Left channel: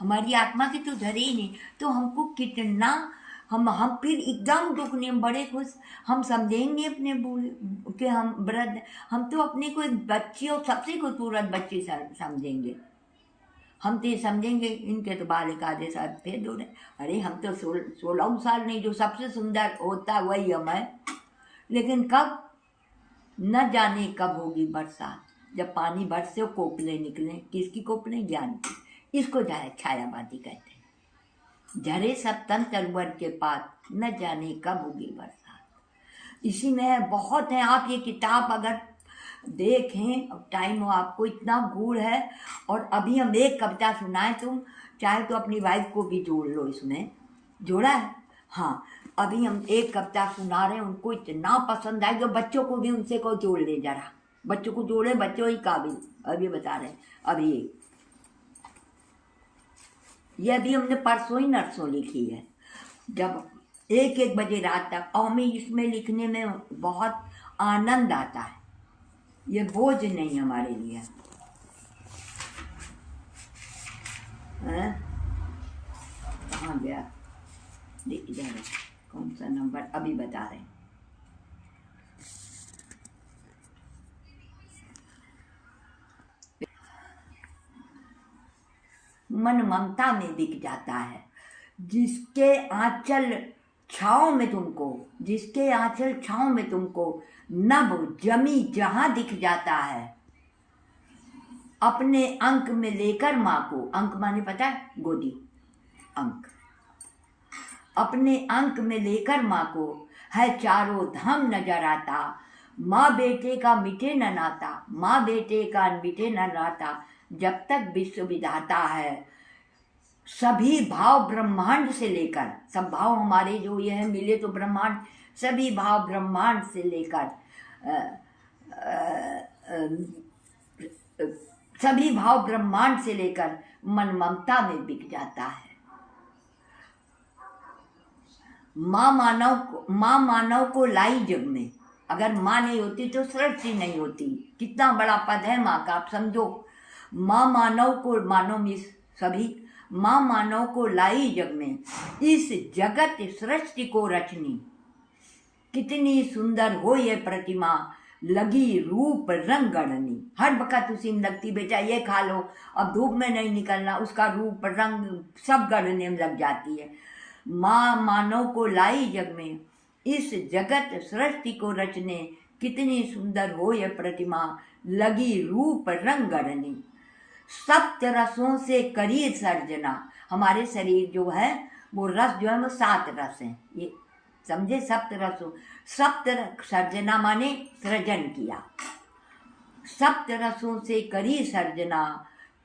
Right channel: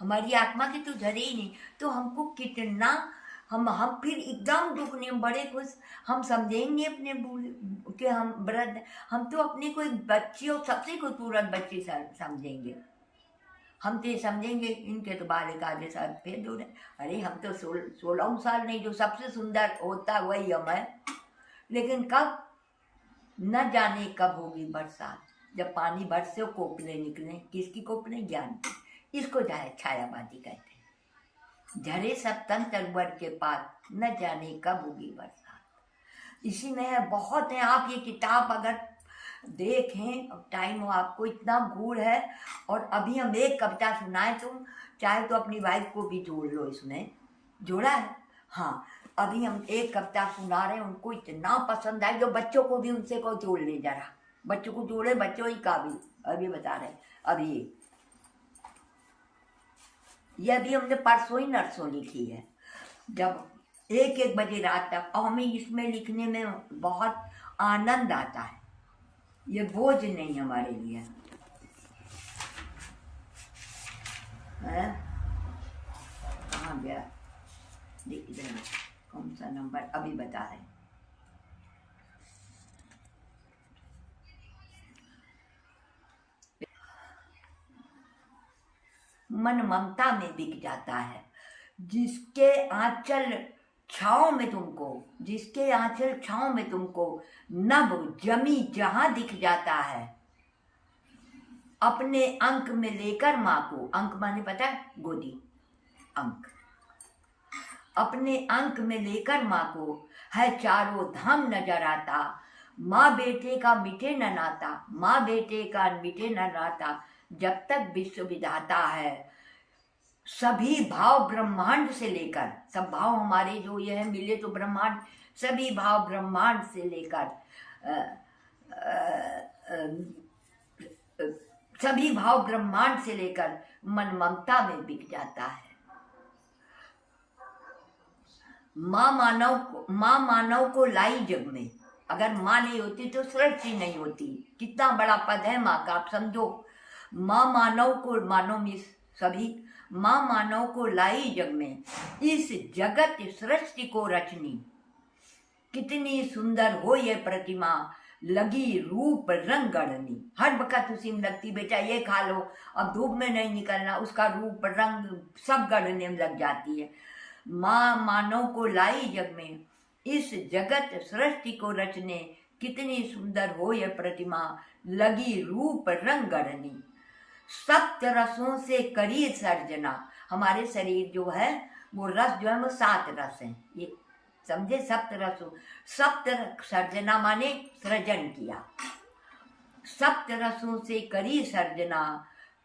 हमारी आत्मा की तो धरे ही नहीं, तो हमको कितना हम फिर एकदम दुखने में बड़े खुश। हम समझेंगे अपने बूढ़े कि हम वृद्ध, हम तो अपने को एक बच्ची और सबसे खूबसूरत बच्ची समझेंगे। हम तो ये समझेंगे इनके तो बालिका जैसा भेद हो रहे, अरे हम तो 16 साल नहीं, जो सबसे सुंदर होता है वही हम है। लेकिन कब, न जाने कब होगी बरसात, जब पानी बरसे कोपले निकले। किसकी कोपले? ज्ञान की। इसको छायावादी कहते हैं। झरे सब तन तलवर के पास, न जाने कब होगी बरसात। इसी में बहुत है। आप ये किताब अगर देखें, अब टाइम हो, आपको इतना गुण है। और अभी हम एक कविता सुनाए, तुम चाहे तो अपनी वाइफ को भी जोड़ लो इसमें। जोड़ा है? हाँ, अभी हम एक कविता सुना रहे हैं, उनको इतना पसंद आई, तो बच्चों को भी उनसे को जोड़ ले जरा, बच्चों को जोड़े, बच्चों ही काबिल। अभी बता रहे हैं, अभी ये अभी हमने परसों ही नरसों लिखी है, जब 1-1 बजे रात तक। और हमें इसमें लिखने में बहुत आनंद आता है, ये बोझ नहीं हमारे लिए है। कहाँ गया? इधर कौन सा नंबर? अभी बता रहे हैं। मन ममता में बिक जाता है, जिसके आंचल छाँव में तुमको, जिसके आंचल छाँव में तुमको नभ जमी जहां दिख जाता है। अपने अंक में लेकर माँ को, अंक माने पता है? गोदी, अंक। अपने अंक में लेकर माँ को है चारों धाम नजर आता। माँ बेटे का मिटे न नाता, माँ बेटे का मिटे न नाता, जब तक विश्व विधाता है। सभी भाव ब्रह्मांड से लेकर, सब भाव हमारे जो ये है मिले तो ब्रह्मांड, सभी भाव ब्रह्मांड से लेकर सभी भाव ब्रह्मांड से लेकर मन ममता में बिक जाता है। माँ मानव को लाई जग में, अगर माँ नहीं होती तो सृष्टि नहीं होती। कितना बड़ा पद है माँ का, आप समझो। माँ मानव को, मानव में सभी, माँ मानव को लाई जग में, इस जगत सृष्टि को रचनी। कितनी सुंदर हो ये प्रतिमा, लगी रूप रंग गढ़नी। हर वक्त उसी में लगती, बेटा ये खा लो, अब धूप में नहीं निकलना, उसका रूप रंग सब गढ़ने में लग जाती है। माँ मानव को लाई जग में, इस जगत सृष्टि को रचने। कितनी सुंदर हो यह प्रतिमा, लगी रूप रंग गढ़नी। सप्त रसों से करी सर्जना, हमारे शरीर जो है वो रस जो है वो 7 रस हैं, ये समझे? सप्त रसों, सप्त सर्जना माने सृजन किया। सप्त रसों से करी सर्जना,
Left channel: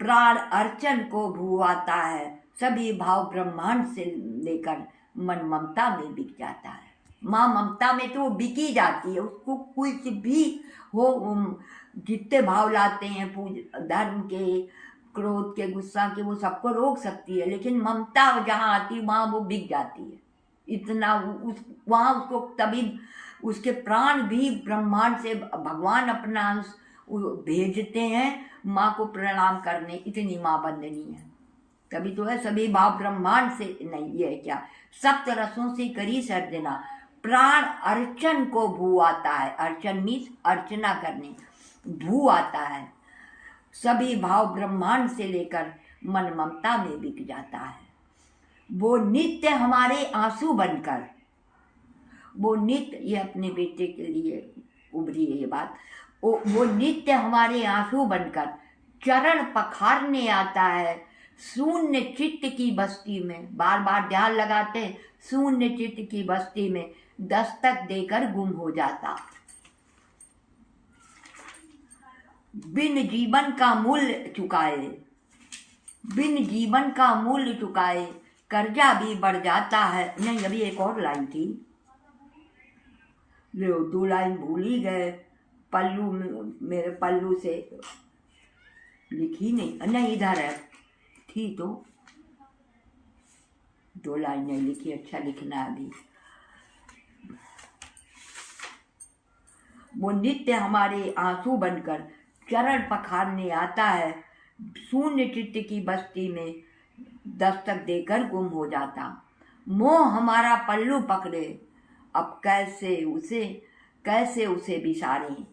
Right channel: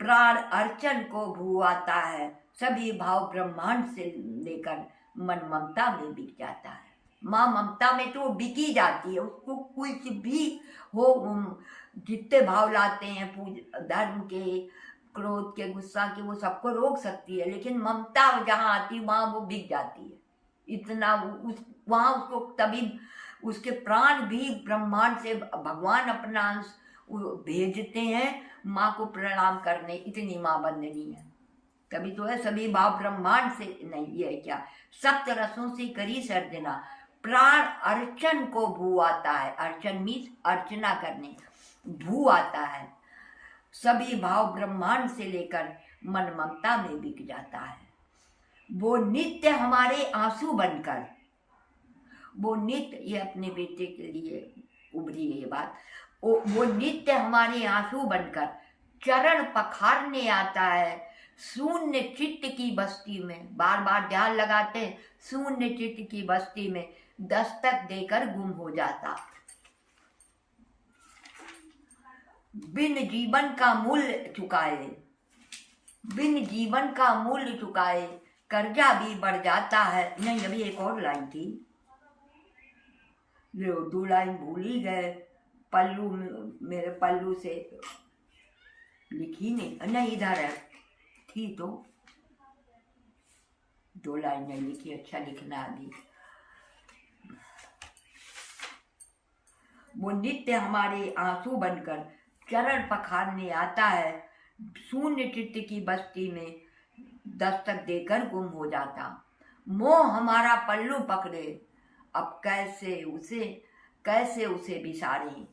प्राण अर्चन को भूआता है। सभी भाव ब्रह्मांड से लेकर मन ममता में बिक जाता है। माँ ममता में तो बिकी जाती है, उसको कुछ भी हो, जितने भाव लाते हैं धर्म के, क्रोध के, गुस्सा के, वो सबको रोक सकती है, लेकिन ममता जहाँ आती है वहाँ वो बिक जाती है। इतना वहाँ उसको, तभी उसके प्राण भी ब्रह्मांड से भगवान अपना भेजते हैं माँ को प्रणाम करने, इतनी माँ बंदनी है। तभी तो है सभी भाव ब्रह्मांड से, नहीं ये क्या, सप्त रसों से करी सर्जना, प्राण अर्चन को भू आता है। अर्चन मीन्स अर्चना करने, भू आता है। सभी भाव ब्रह्मांड से लेकर मन ममता में बिक जाता है। वो नित्य हमारे आंसू बनकर, वो नित्य, ये अपने बेटे के लिए उभरी है ये बात, वो नित्य हमारे आंसू बनकर चरण पखारने आता है। शून्य चित्त की बस्ती में, बार बार ध्यान लगाते हैं, शून्य चित्त की बस्ती में दस्तक देकर गुम हो जाता। बिन जीवन का मूल्य चुकाए, बिन जीवन का मूल्य चुकाए, कर्जा भी बढ़ जाता है। नहीं, अभी एक और लाइन थी, लो 2 लाइन भूल ही गए, पल्लू मेरे पल्लू से लिखी नहीं, इधर है, थी तो 2 लाइन नहीं लिखी, अच्छा लिखना अभी। वो नित्य हमारे आंसू बनकर चरण पखारने आता है। शून्य चित्त की बस्ती में दस्तक देकर गुम हो जाता। मोह हमारा पल्लू पकड़े, अब कैसे उसे बिसारें।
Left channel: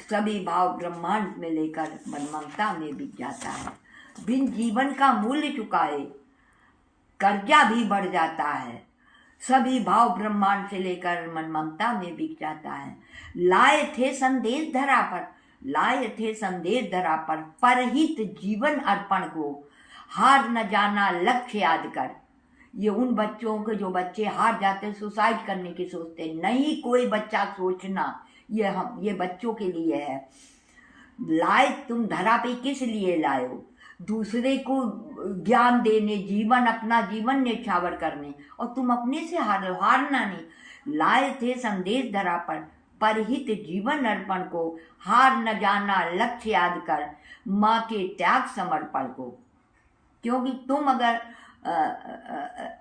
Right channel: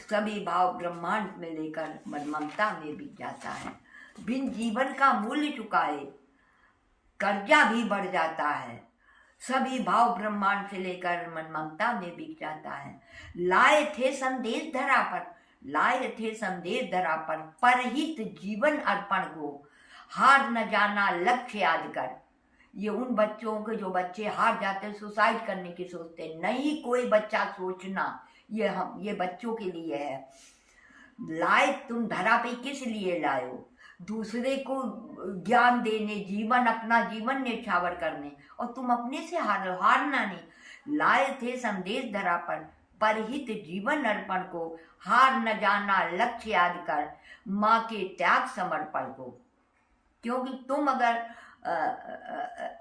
सभी भाव ब्रह्मांड में लेकर मन ममता में बिक जाता है। बिन जीवन का मूल्य चुकाए कर्जा भी बढ़ जाता है। सभी भाव ब्रह्मांड से लेकर मन ममता में बिक जाता है। लाए थे संदेश धरा पर परहित जीवन अर्पण को, हार न जाना लक्ष्य याद कर। ये उन बच्चों के जो बच्चे हार जाते, सुसाइड करने की सोचते, नहीं कोई बच्चा सोचना, ये बच्चों के लिए है। लाए तुम धरा पे किस लिए लाए हो? दूसरे को ज्ञान देने, अपना जीवन न्यौछावर करने, और तुम अपने से हारना नहीं। लाए थे संदेश धरा पर परहित जीवन अर्पण को, हार न जाना लक्ष्य याद कर। माँ के त्याग समर्पण को, क्योंकि तुम अगर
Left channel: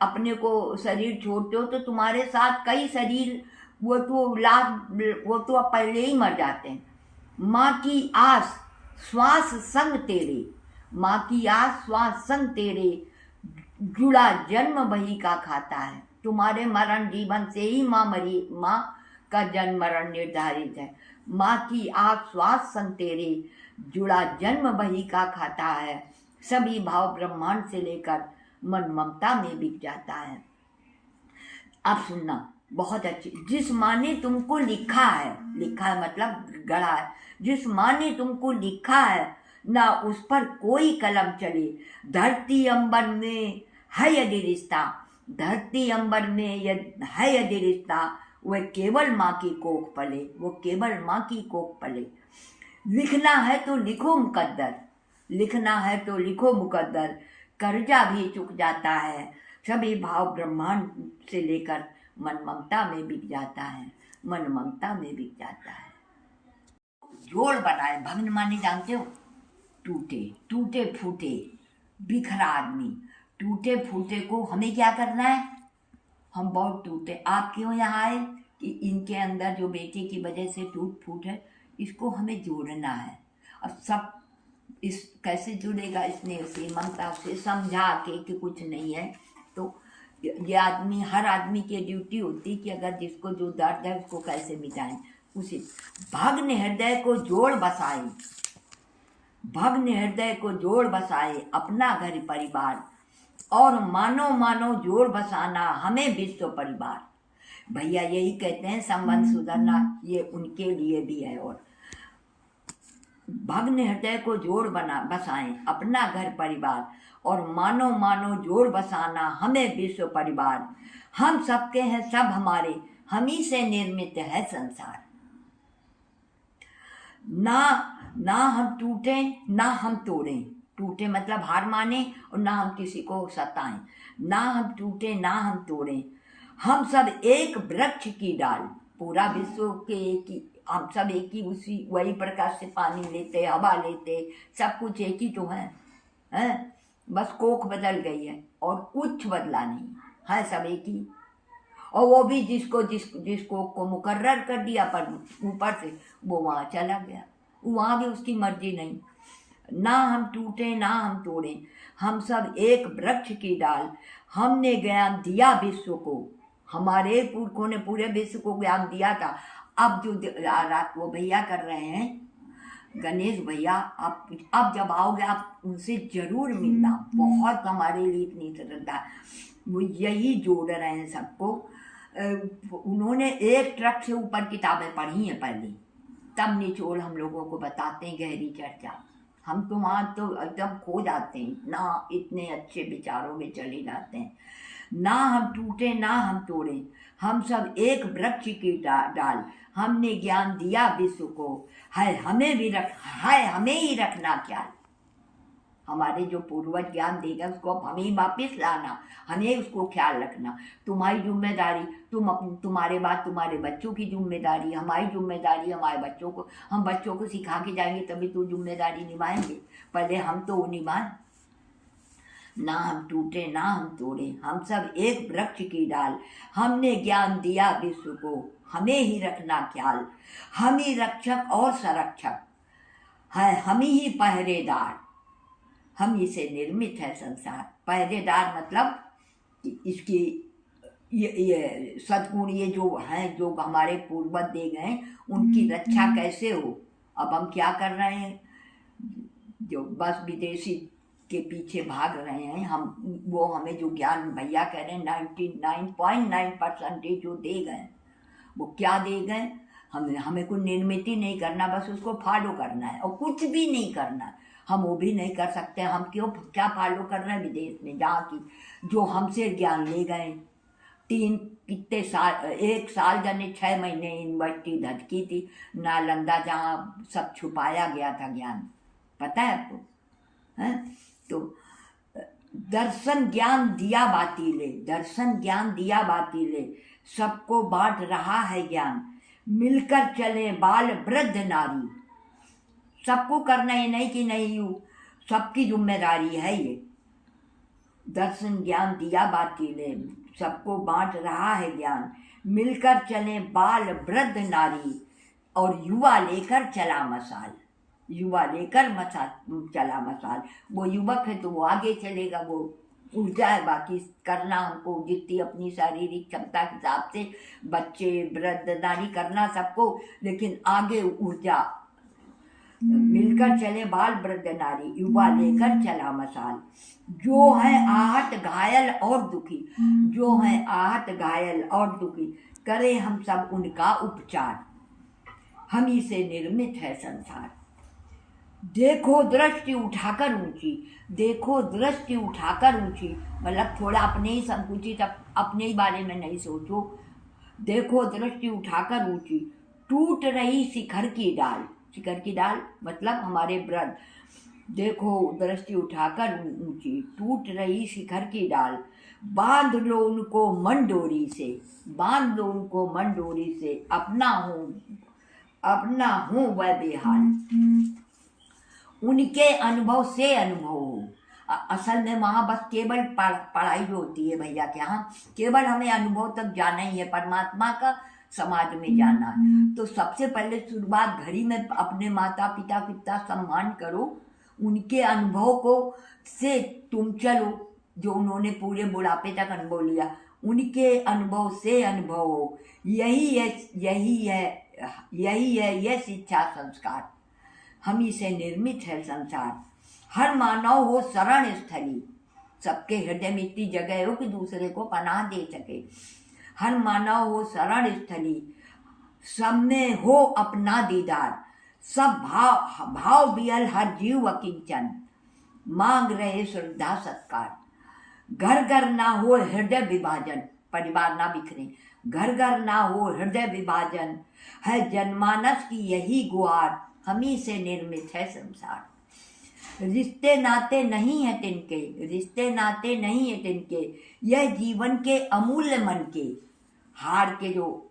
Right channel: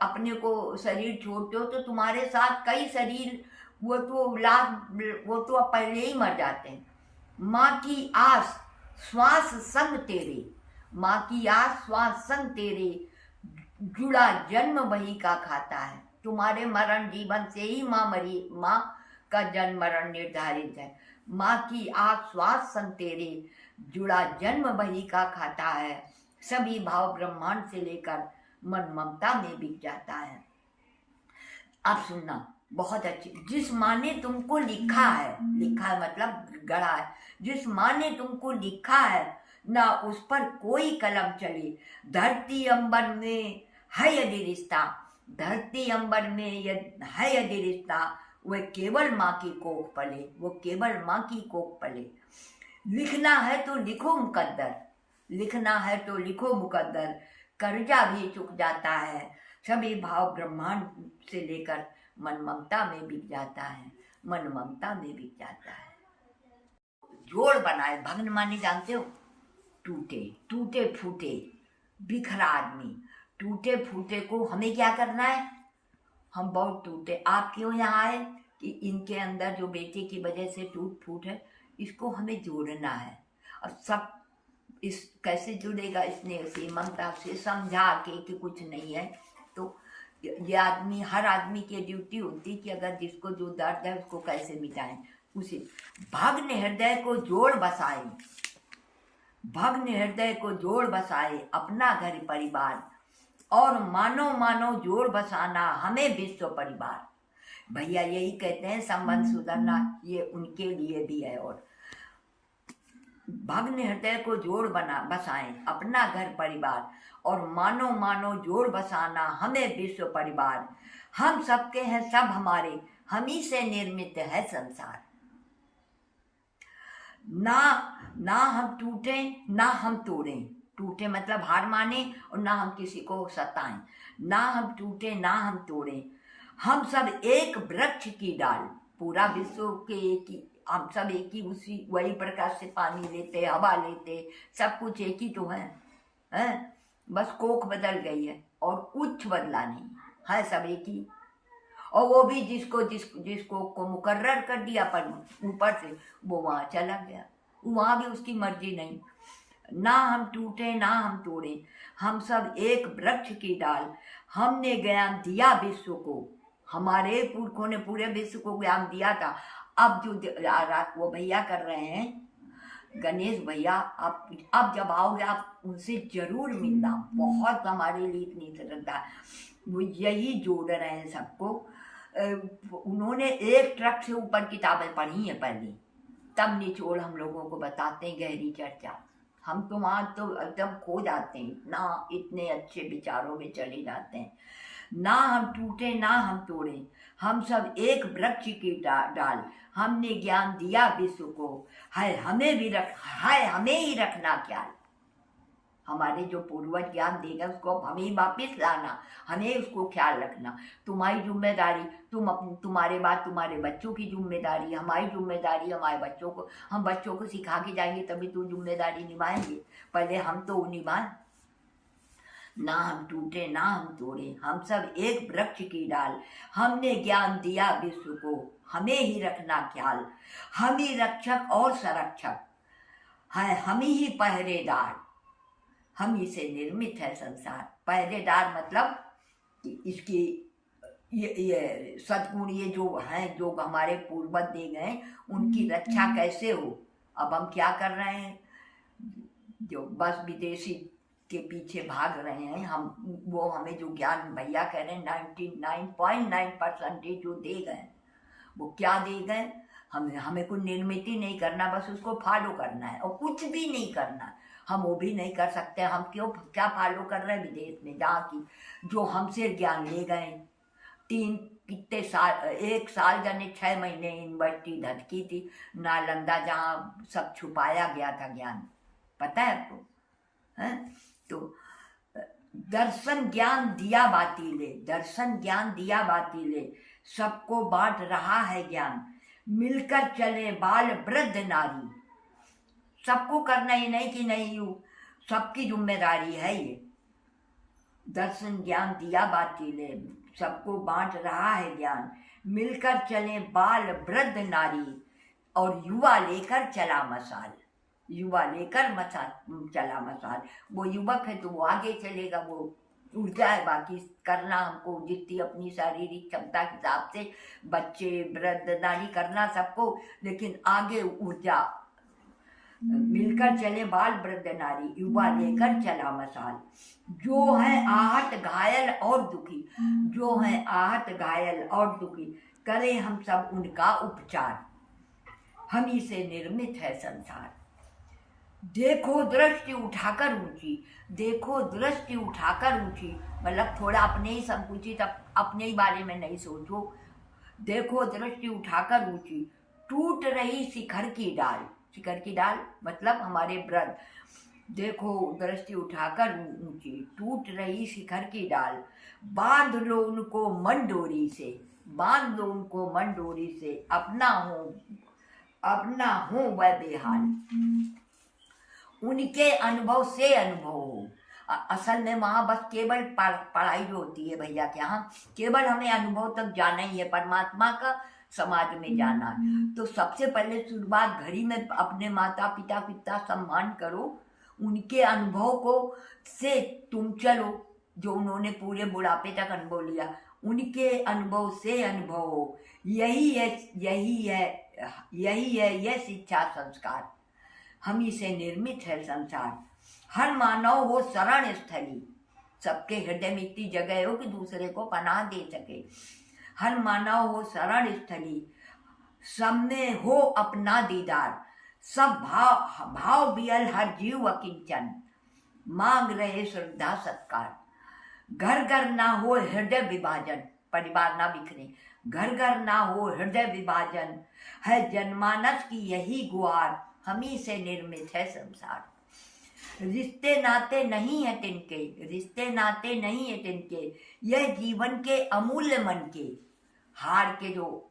अपने को शरीर छोड़ते हो तो तुम्हारे साथ कई शरीर वो तो अब पहले ही मर जाते हैं। माँ की आस श्वास संग तेरे, माँ की आस श्वास संग तेरे, जुड़ा जन्म वही का खाता है। तुम्हारे मरण जीवन से ही माँ का जन्म मरण निर्धारित है। माँ की आस श्वास संग तेरे, जुड़ा जन्म वही का खाता है। सभी भाव ब्रह्मांड से लेकर मन ममता में बिक जाता है। अब सुनना, बहुत अच्छी। जिस माँ ने तुमको लिखा है मतलब गढ़ा है, जिस माँ ने तुमको लिखा है ना उस पर कोई कलम चले। धरती अंबर में है यदि रिश्ता, धरती अंबर में है यदि रिश्ता, वह केवल माँ की कोख पले, वो केवल माँ की कोख पले। लिखना है तो लिखो मुकद्दर, लिखना है तो लिखो मुकद्दर, कर्जा भी चुक जाता है। सभी भाव ब्रह्मांड से लेकर मन ममता में बिक जाता है, मन ममता में बिक जाता है। जोड़ बनाए, भग्न माने जानते हो? टूटे फूटे बिखरा आदमी। टूटे फूटे को हमें क्या करना है? हम बहुत टूटे। आप क्यों यहाँ आए? कि इनके अंदर जो बेटे की वजह से टूट फूट है, इसको हमें जोड़ना है। और सब इस कैसे जुड़ेगा? स्नेह से, ममता से, समझा के कि कुछ नहीं है। तो ये आदमी, हर आदमी की ड्यूटी होती कि अगर जिसको जो दर्द है उसको कैसे मिटाएं। उसे भग्न हृदय को जोड़ बसाए, भग्न हृदय को जोड़ बसाए अपना घर परिवार, और मानो जोड़ बसाना हमें विश्व परिवार। भैया यही कहते हैं, संबंध सुधरना ये उनके लिए भी है। और भग्न हृदय को जोड़ बसाएं अपना घर परिवार, और मानो जोड़ बसाना हमें विश्व परिवार। हम सबके हैं सब हमारे, हम ही से निर्मित है संसार। ना हम टूटे ना हम तोड़ें, टूटे मतलब हार माने, और ना हम किसी को सताएं। ना हम टूटे ना हम तोड़ें, हम सब एक वृक्ष की डाल। पूरा विश्व के एक ही, हम सब एक ही, उसी वही प्रकाश से पानी लेते, हवा लेते, सब कुछ एक ही तो है? बस कोख बदल गई है और कुछ बदला नहीं है, सब एक ही। और वो भी जिसको को मुकर्रर कर दिया पर ऊपर से, वो वहाँ चला गया, वहाँ भी उसकी मर्जी नहीं। ना हम टूटे ना हम तोड़े, हम सब एक वृक्ष की डाल। हमने ज्ञान दिया विश्व को, हमारे पुरखों ने पूरे विश्व को ज्ञान दिया था। अब जो रात वो भैया कर रहे हैं, गणेश भैया, आप जब आओगे आप उनसे जरूर मिलना। बहुत हमारे लिए इतनी श्रद्धा, वो यही जोड़ रहे हैं सबको। उन्होंने एक ट्रक से ऊपर किताबें पढ़ी हैं पहले, तब निचोड़ हम लोगों को बताते हैं, गहरी चर्चा। हम तो वहाँ तो एकदम खो जाते हैं, ना इतने अच्छे विचारों में चले जाते हैं। ना हम टूटे ना हम तोड़े, हम सब एक वृक्ष की डाल। हमने ज्ञान दिया विश्व को, है हमें ही रखना ख्याल। हमारे जो पूर्वज ज्ञान देगा उसको अब हमें ही वापिस लाना, हमें उसको ख्याल रखना। तुम्हारी जिम्मेदारी, तुम्हारे बाद तुम्हारे बच्चों की जिम्मेदारी, हमारी जिम्मेदारी हमारे बच्चों को। हम बच्चों को सिखा के जाएंगे तभी तो जिम्मेदारी निभाएंगे, पहले हम तो वो निभाएं। ना हम टूटे ना हम तोड़े, हम सब एक वृक्ष की डाल। हमने ज्ञान दिया विश्व को, हमें ही रखना ख्याल। हम ही रक्षक और संरक्षक है, हम ही पहरेदार। हम ही से निर्मित है संसार। पहरेदार मतलब इसकी ये सद्गुण ये जो हैं, जो हमारे पूर्वज दे गए, उनकी रक्षा कैसे हो। अब हम क्या कर रहे हैं, जो बस विदेशी के पीछे भाग रहे हैं हम, वो हमें जो ज्ञान भैया कह रहे हैं 99.9% जो दे गए, वो क्या दे गए, हमें कोई निर्मित ही नहीं करना, बस उसको फॉलो करना है और कुछ भी नहीं करना। हम वो भी नहीं कर सकते। हम क्या फॉलो कर रहे हैं विदेश में जहाँ की, जो हमसे ज्ञान ले गए। कितने साल, 1 साल जाने 6 महीने यूनिवर्सिटी धटकी थी नालंदा, जहाँ सब छुपाया गया था ज्ञान, पता है आपको? है तो दर्शन ज्ञान दिया बातीले, दर्शन ज्ञान दिया बातीले, सबको बांट रहा है ज्ञान, मिलकर चले बाल वृद्ध नारी। सबको करना है, नहीं कि नहीं, यू सबकी जिम्मेदारी है ये। दर्शन ज्ञान दिया बातीले, सबको बांट रहा है ज्ञान, मिलकर चले बाल वृद्ध नारी, और युवा लेकर चला मसाल, युवा लेकर चला मसाल। वो युवक है तो वो आगे चलेगा, वो ऊर्जा है। बाकी करना हमको जितनी अपनी शारीरिक क्षमता के हिसाब से, बच्चे वृद्ध नारी करना सबको, लेकिन आगे ऊर्जा। मिलकर चले बाल वृद्ध नारी, युवा लेकर चला मसाल, जो है आहत घायल और दुखी, जो है आहत घायल और दुखी, करे हम सब उनका उपचार, हम ही से निर्मित है संसार। देखो दृष्टि उठाकर ऊंची, देखो दृष्टि उठाकर ऊंची, मतलब थोड़ा अपने ही संकुचित, अपने ही बारे में नहीं सोचो। देखो दृष्टि उठाकर ऊंची, टूट रही शिखर की डाल, शिखर की डाल मतलब हमारे व्रत। देखो दृष्टि उठाकर ऊंची, टूट रही शिखर की डाल, बांध लो उनको मन डोरी से, बांध लो उनको मन डोरी से, अपना हो वह बेहाल, उनके अनुभव से अनुभव हो। असल में वहाँ बस केवल पढ़ाई जो होती है भैया के यहाँ, केवल हमें अनुभव तक जाना ही है, परमात्मा का समाज में जाना है। तो सबसे पहले शुरुआत घड़ी में अपने माता पिता कितना सम्मान करो, उनके अनुभव को से तुम चलो, जो उन्होंने पूरे बुढ़ापे तक अनुभव लिया, उनके अनुभव से अनुभव हो। यही है यह शिक्षा संस्कार, हम ही से निर्मित है संसार। हर मानव हो शरण स्थली, सबके हृदय में इतनी जगह हो कि दूसरे को पनाह दे सके। हर मानव हो शरण स्थली, सब में हो अपना दीदार, सब भाव बियल हर जीव अकिंचन, मांग रहे श्रद्धा सत्कार। घर घर ना हो हृदय विभाजन, परिवार ना बिखरे, घर घर ना हो हृदय विभाजन, है जनमानस की यही गुहार, हम ही से निर्मित है संसार। रिश्ते नाते नहीं है तिनके, रिश्ते नाते नहीं है तिनके, यह जीवन के अमूल्य मन के हार के, जो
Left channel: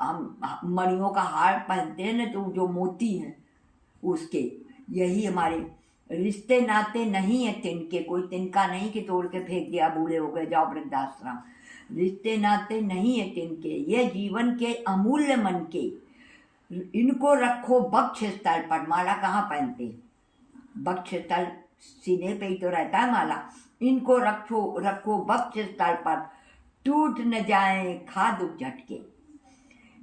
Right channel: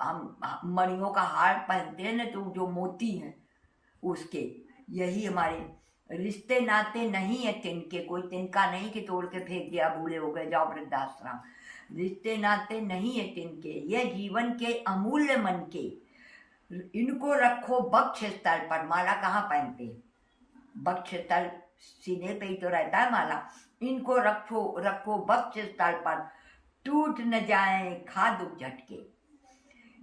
हम मणियों का हार पहनते हैं ना, तो जो मोती हैं उसके, यही हमारे रिश्ते नाते नहीं है तिनके। कोई तिनका नहीं कि तोड़ के फेंक दिया, बूढ़े हो गए जाओ वृद्धाश्रम। रिश्ते नाते नहीं है तिनके, यह जीवन के अमूल्य मन के, इनको रखो वक्ष स्थल पर। माला कहाँ पहनते, वक्ष स्थल सीने पे ही तो रहता है माला। इनको रखो वक्ष स्थल पर, टूट न जाए खा दुख झटके।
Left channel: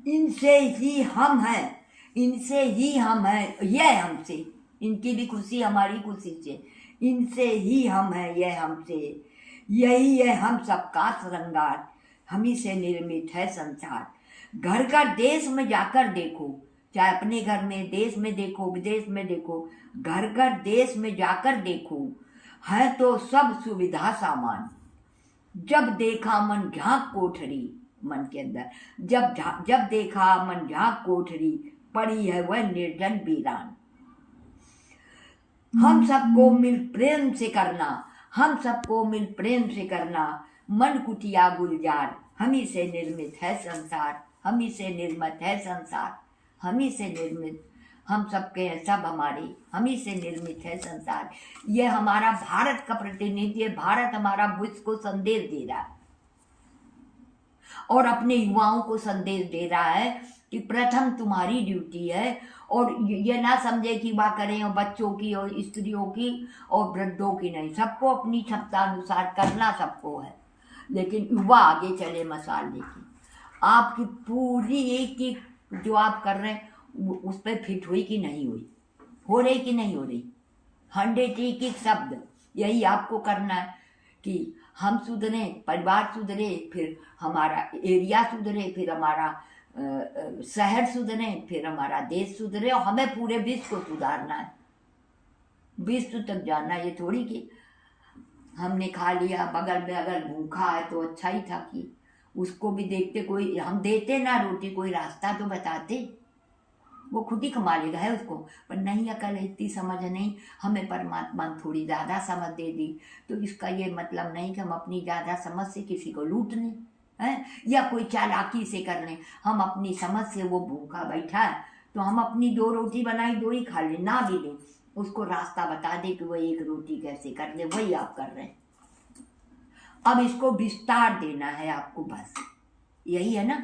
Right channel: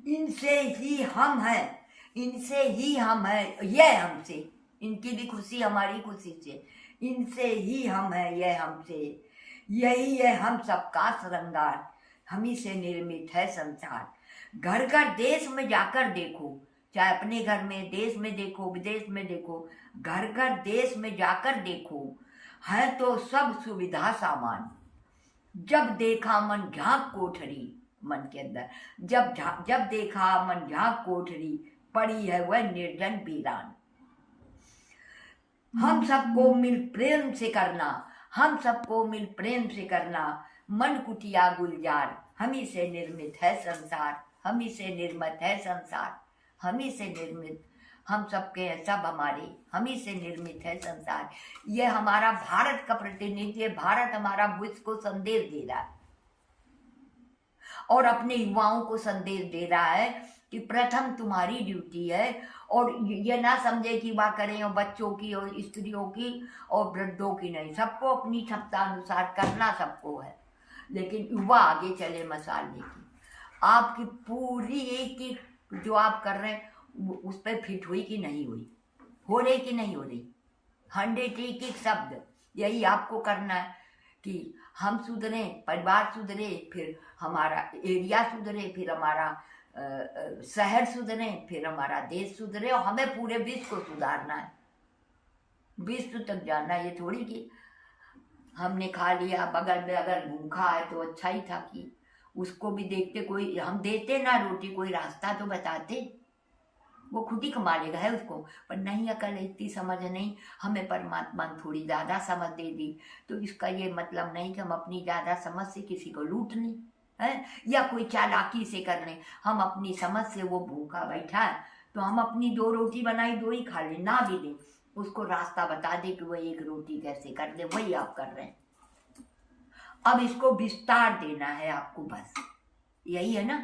इनसे ही हम हैं, इनसे ही हम हैं, यह हमसे, इनकी भी खुशी हमारी खुशी से, इनसे ही हम हैं यह हमसे, यही है हम सबका श्रृंगार, हम ही से निर्मित है संसार। घर का देश में जाकर देखो, चाहे अपने घर में देश में देखो विदेश में देखो, घर घर देश में जाकर देखो, है तो सब सुविधा सामान। जब देखा मन झांक कोठरी, मन के अंदर जब देखा मन झांक कोठरी, पड़ी है वह निर्जन वीरान। हम सबको मिल प्रेम से करना, हम सबको मिल प्रेम से करना, मन कुटिया गुलजार, हम ही से निर्मित है संसार, हम ही से निर्मित है संसार, हम ही से निर्मित, हम सबके सब हमारे, हम ही से निर्मित है संसार। ये हमारा भारत का प्रतिनिधि है, भारत हमारा विश्व को संदेश दे रहा है और अपने युवाओं को संदेश दे रहा है कि प्रथम तुम्हारी ड्यूटी है और ये ना समझे कि वाह करें और बच्चों की और स्त्रियों की और वृद्धों की नहीं, सबको अपनी क्षमता अनुसार करना सबको है, लेकिन युवा आगे चले मसाल लेके। आपकी पूरी एक एक जो आप कर रहे हैं उस पर फिट हुई कि नहीं हुई, हो रही कि नहीं हो रही, 100 एक एक शब्द यही आपको करना है कि हम सुधरे, परिवार सुधरे, फिर हमारा एरिया सुधरे, फिर हमारा शहर सुधरे, फिर हमारा देश सुधरे, और हमें पूरे विश्व को सुधारना है, विश्व तक जाना है। ये थोड़ी कि हमने खा लिया, बगल में अगर भूखा है तो अच्छा ही था कि उसको भी देखते, कोई हम देते ना रोटी, कोई रास्ता तो बताते, वो खुद ही कमा लेगा है उसको, पर नहीं अकल इतनी समझ नहीं, हमें परमात्मा ने थोड़ी ज़्यादा समझ दे दी। तो इसका ये मतलब नहीं कि हम अपनी ज़्यादा समझ से किसी को लूट लें है या कोई चालाकी से कर लें। हम अपनी समझ से, वो भूखा बैठा है तो हम अपनी 2 रोटी बनाई 2 ही खा लें, ना भी लें, उसको रास्ता बता दे कि वो 1 रोटी कैसे कर ले, वही आप कर रहे हैं। अब इसको विस्तार देना है आपको, बस यही है ना।